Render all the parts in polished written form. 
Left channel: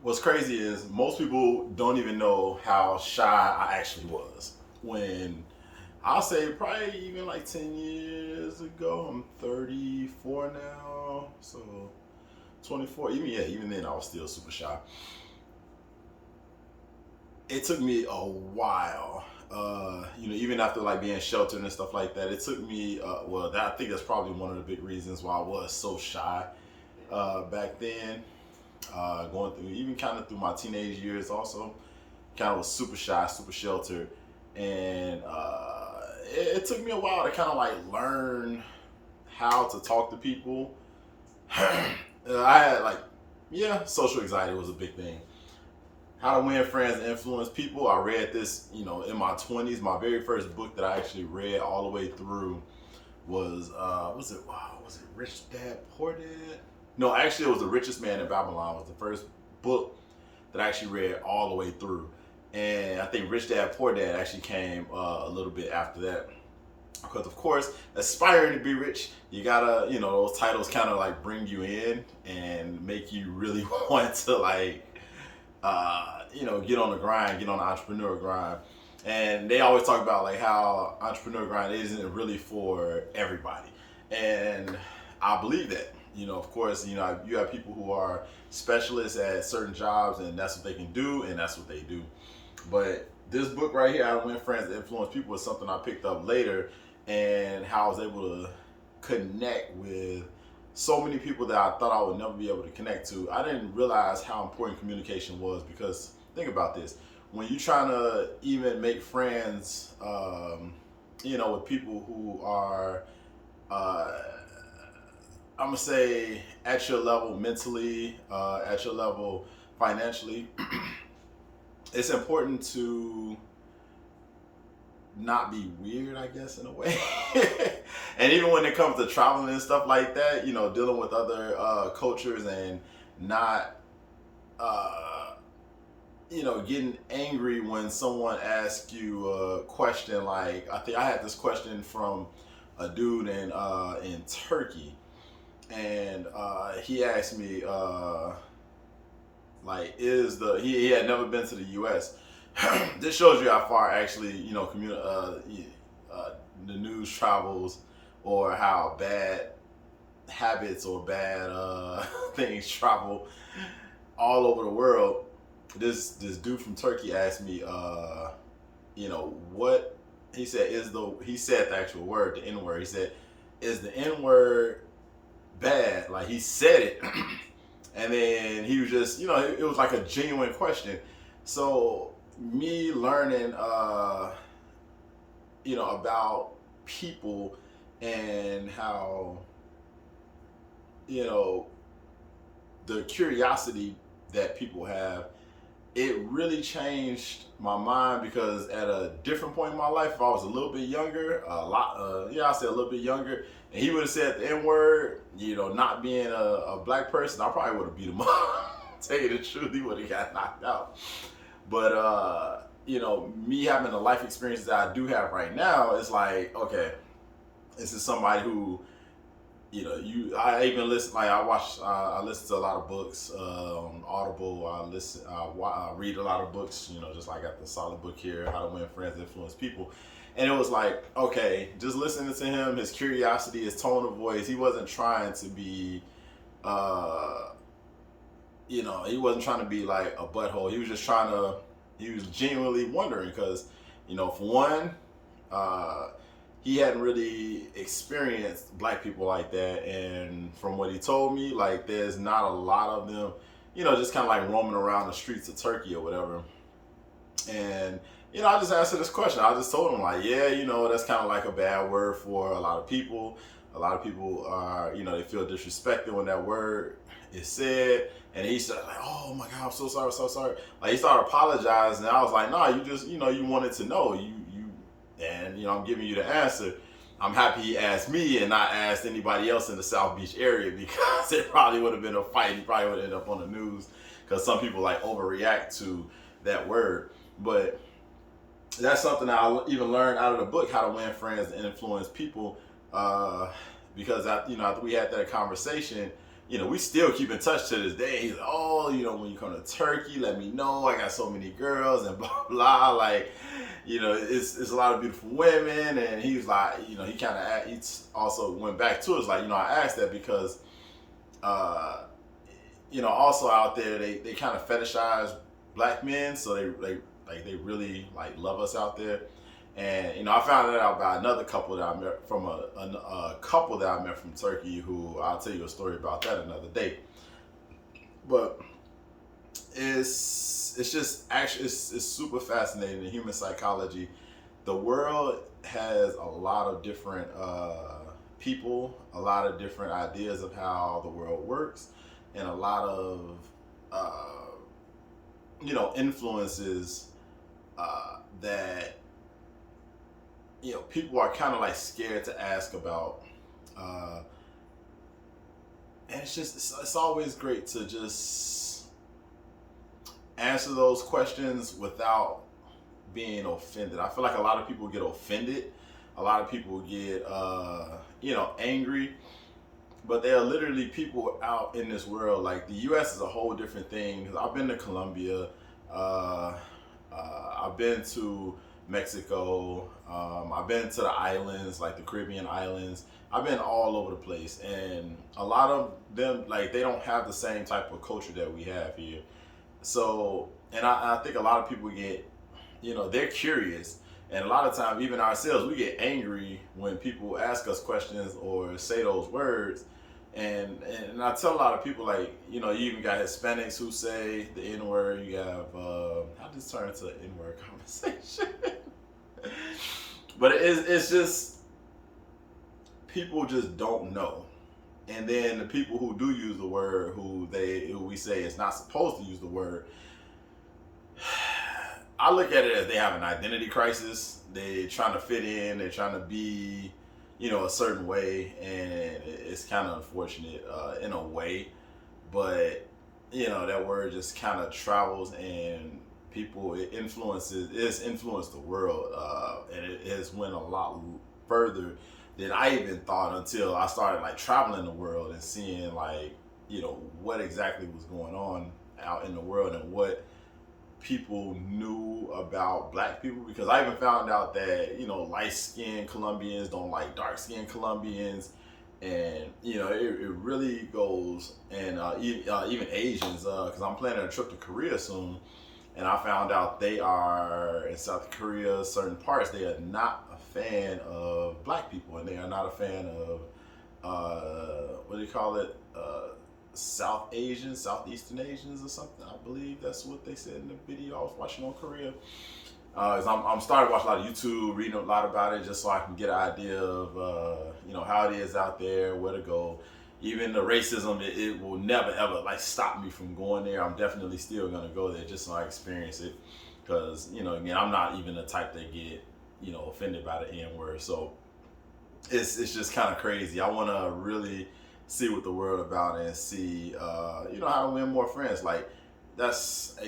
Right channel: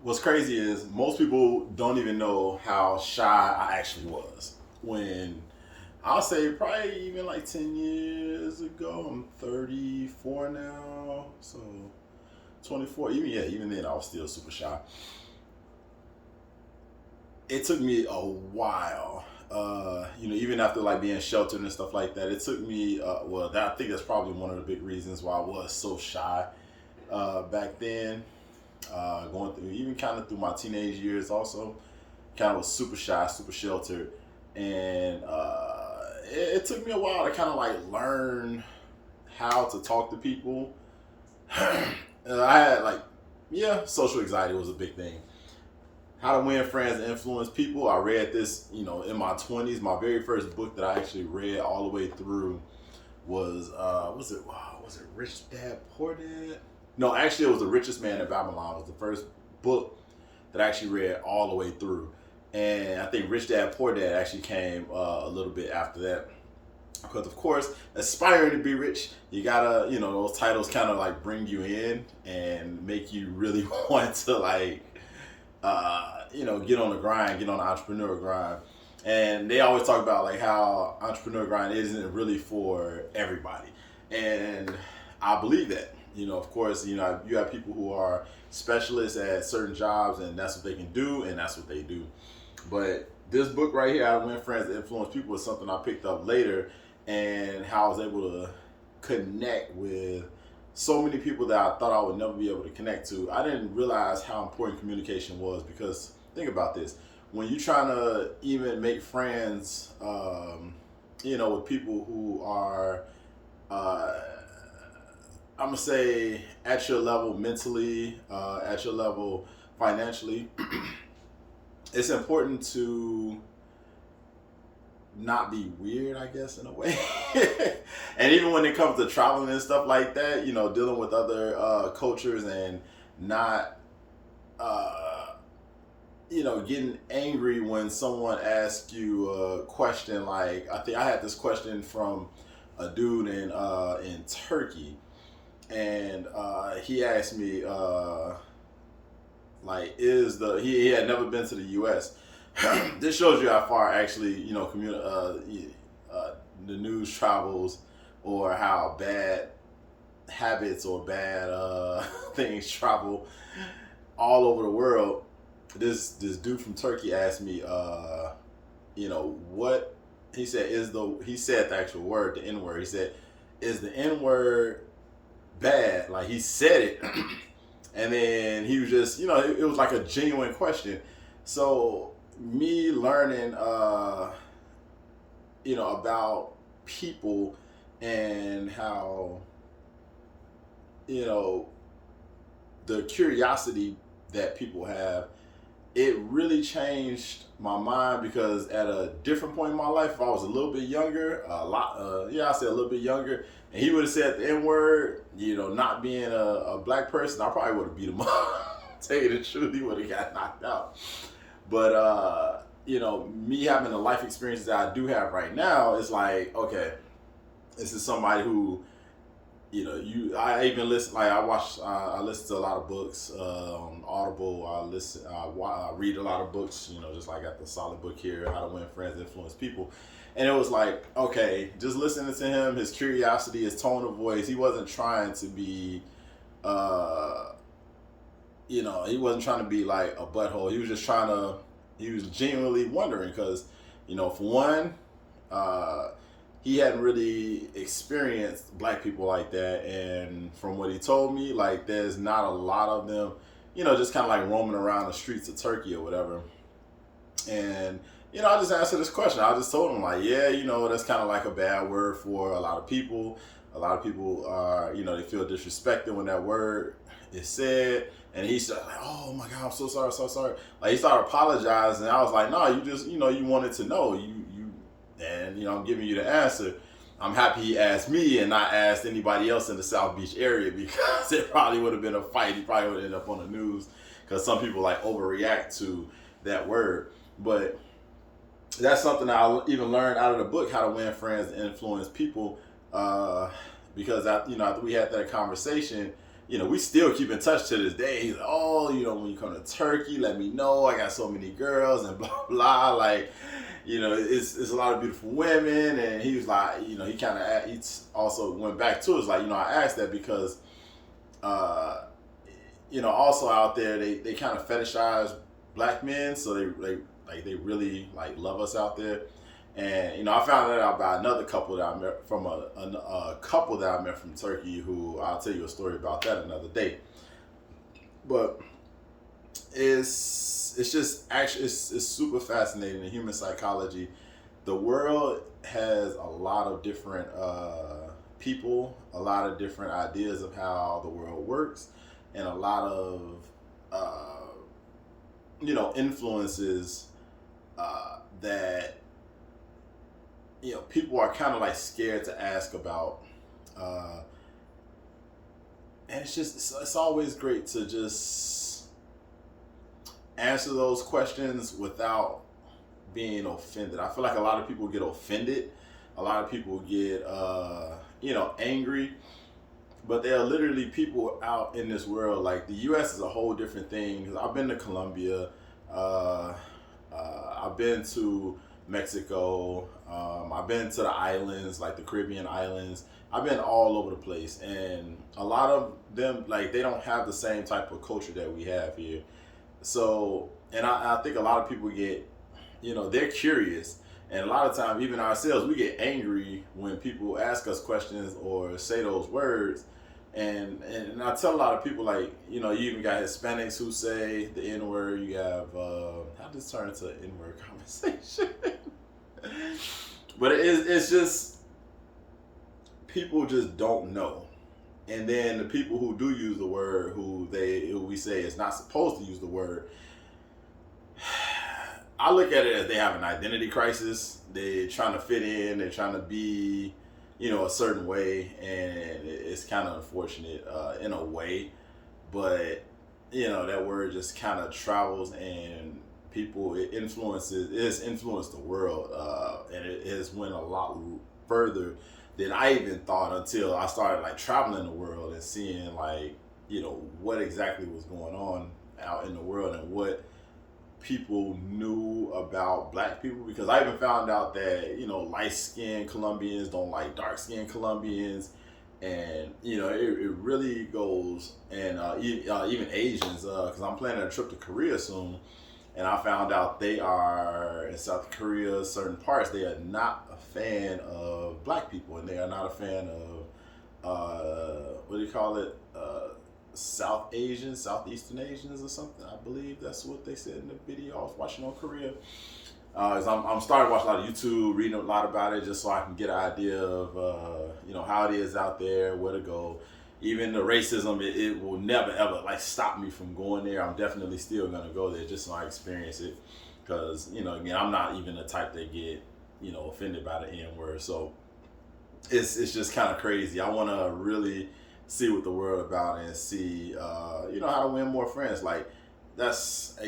What's crazy is most people don't even know how shy I actually was. When I'll say probably even like 10 years ago, I'm 34 now, so 24. Even then I was still super shy. It took me a while. Even after like being sheltered and stuff like that, it took me. I think that's probably one of the big reasons why I was so shy back then. Going through even kind of through my teenage years, also kind of was super shy, super sheltered, and it took me a while to kind of like learn how to talk to people. I had like, yeah, social anxiety was a big thing. How to Win Friends and Influence People. I read this, in my 20s. My very first book that I actually read all the way through was it Rich Dad Poor Dad? No, actually it was The Richest Man in Babylon. It was the first book that I actually read all the way through. And I think Rich Dad Poor Dad actually came a little bit after that. Because of course, aspiring to be rich, you gotta, those titles kind of like bring you in and make you really want to like get on the grind, get on the entrepreneur grind. And they always talk about like how entrepreneur grind isn't really for everybody. And I believe that. Of course, you have people who are specialists at certain jobs and that's what they can do and that's what they do. But this book right here, How to Win Friends and Influence People, is something I picked up later, and how I was able to connect with so many people that I thought I would never be able to connect to. I didn't realize how important communication was because think about this: when you're trying to even make friends, with people who are, I'm gonna say, at your level mentally, at your level financially, it's important to not be weird, I guess, in a way. And even when it comes to traveling and stuff like that, dealing with other cultures and not, uh, getting angry when someone asks you a question. Like I think I had this question from a dude in Turkey, and he asked me like, he had never been to the U.S. This shows you how far actually the news travels, or how bad habits or bad things travel all over the world. This dude from Turkey asked me, what he said the actual word, the N word. He said, "Is the N word bad?" Like he said it, and then he was just, it was like a genuine question. So me learning, about people and how, you know, the curiosity that people have, it really changed my mind because at a different point in my life, if I was a little bit younger, I said a little bit younger, and he would have said the N word, not being a black person, I probably would have beat him up. Tell you the truth, he would have got knocked out. But me having the life experiences that I do have right now, it's like, okay, this is somebody who, I even listen, like I listen to a lot of books on Audible. I read a lot of books, just like I got the solid book here, How to Win Friends, Influence People. And it was like, okay, just listening to him, his curiosity, his tone of voice, he wasn't trying to be, uh, he wasn't trying to be like a butthole. He was genuinely wondering because, for one, uh, he hadn't really experienced black people like that. And from what he told me, like, there's not a lot of them, just kind of like roaming around the streets of Turkey or whatever. And, I just answered this question. I just told him, like, yeah, that's kind of like a bad word for a lot of people. A lot of people are, they feel disrespected when that word is said. And he said, like, oh my God, I'm so sorry, so sorry. Like, he started apologizing. And I was like, no, you just, you wanted to know. And, I'm giving you the answer. I'm happy he asked me and not asked anybody else in the South Beach area, because it probably would have been a fight. He probably would have ended up on the news because some people like overreact to that word. But that's something I even learned out of the book, How to Win Friends and Influence People. Because after we had that conversation, we still keep in touch to this day. He's like, oh, when you come to Turkey, let me know. I got so many girls and blah blah. Like, it's a lot of beautiful women. And he was like, he he also went back to it. It's like, I asked that because, also out there they kind of fetishize black men, so they really like love us out there. And I found that out by another couple that I met from a couple that I met from Turkey, who I'll tell you a story about that another day. But it's just actually it's super fascinating in human psychology. The world has a lot of different people, a lot of different ideas of how the world works, and a lot of influences that people are kind of like scared to ask about, and it's always great to just answer those questions without being offended. I feel like a lot of people get offended, a lot of people get angry, but there are literally people out in this world. Like, the U.S. is a whole different thing. I've been to Colombia, I've been to Mexico, I've been to the islands, like the Caribbean islands. I've been all over the place, and a lot of them, like, they don't have the same type of culture that we have here. So, and I think a lot of people get, they're curious, and a lot of times, even ourselves, we get angry when people ask us questions or say those words. And I tell a lot of people, like, you even got Hispanics who say the N word. You have how this turn into an N word conversation? But it's just, people just don't know. And then the people who do use the word, who we say is not supposed to use the word, I look at it as they have an identity crisis. They're trying to fit in. They're trying to be, a certain way, and it's kind of unfortunate in a way. But that word just kind of travels, and it's influenced the world, and it has went a lot further than I even thought, until I started like traveling the world and seeing, like, what exactly was going on out in the world, and what people knew about black people. Because I even found out that light-skinned Colombians don't like dark-skinned Colombians, and it really goes. And even Asians, because I'm planning a trip to Korea soon, and I found out they are, in South Korea, certain parts, they are not a fan of black people, and they are not a fan of what do you call it, South Asians, Southeastern Asians or something. I believe that's what they said in the video I was watching on Korea. I'm starting to watch a lot of YouTube, reading a lot about it, just so I can get an idea of how it is out there, where to go. Even the racism, it will never ever like stop me from going there. I'm definitely still gonna go there just so I experience it. Because again, I'm not even the type that get offended by the N word. So it's just kind of crazy. I want to really see what the world about, and see how to win more friends. Like, that's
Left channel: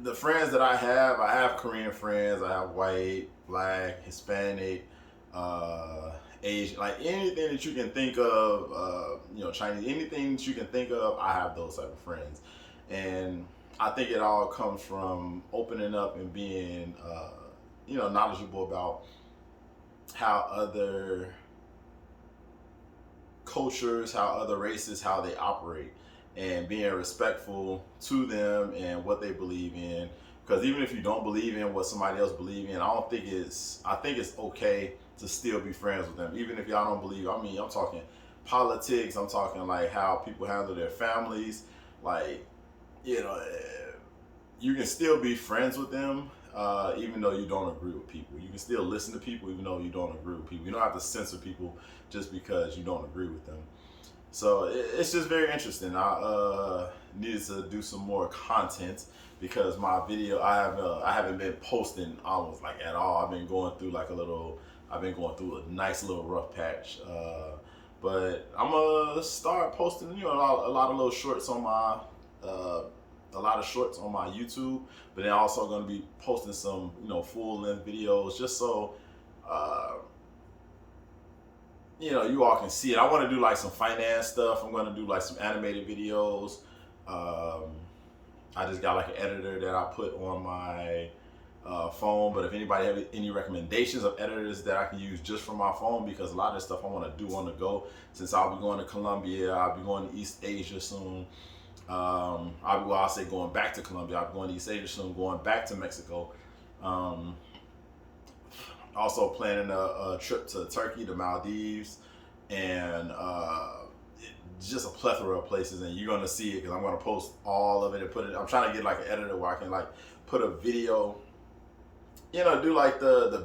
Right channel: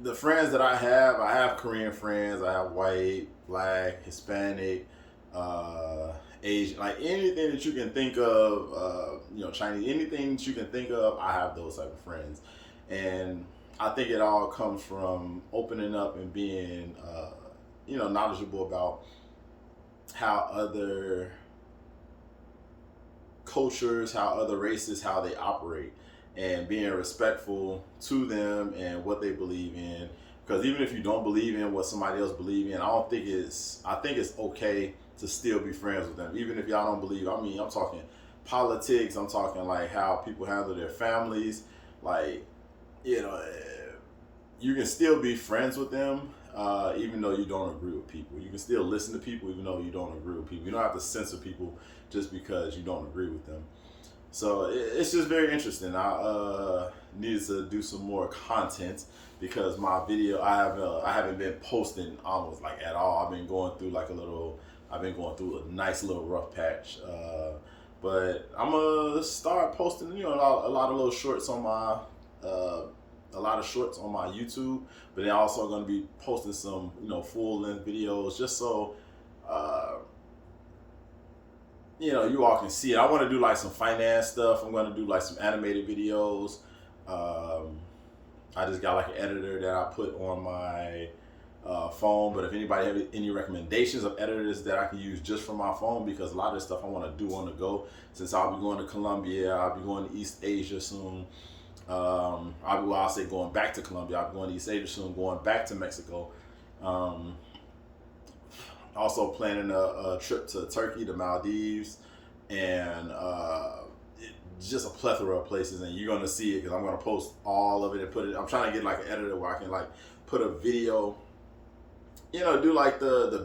the friends that I have Korean friends, I have white, black, Hispanic, Asian, like anything that you can think of, Chinese, anything that you can think of, I have those type of friends. And I think it all comes from opening up and being knowledgeable about how other cultures, how other races, how they operate, and being respectful to them and what they believe in. Because even if you don't believe in what somebody else believes in, I think it's okay to still be friends with them. Even if y'all don't believe, I mean, I'm talking politics, I'm talking like how people handle their families. Like, you can still be friends with them, even though you don't agree with people. You can still listen to people even though you don't agree with people. You don't have to censor people just because you don't agree with them. So it's just very interesting. I needed to do some more content, because my video, I haven't been posting almost like at all. I've been going through a nice little rough patch. But I'm gonna start posting, a lot of little shorts on my YouTube, but then also gonna be posting some, full length videos, just so you all can see it. I want to do like some finance stuff. I'm going to do like some animated videos. I just got like an editor that I put on my phone. But if anybody have any recommendations of editors that I can use just for my phone, because a lot of this stuff I want to do on the go, since I'll be going to Colombia, I'll be going to East Asia soon. I'll say going back to Colombia, I'll be going to East Asia soon, going back to Mexico. Also planning a trip to Turkey, the Maldives, and just a plethora of places. And you're gonna see it because I'm gonna post all of it and put it. I'm trying to get like an editor where I can like put a video, do like the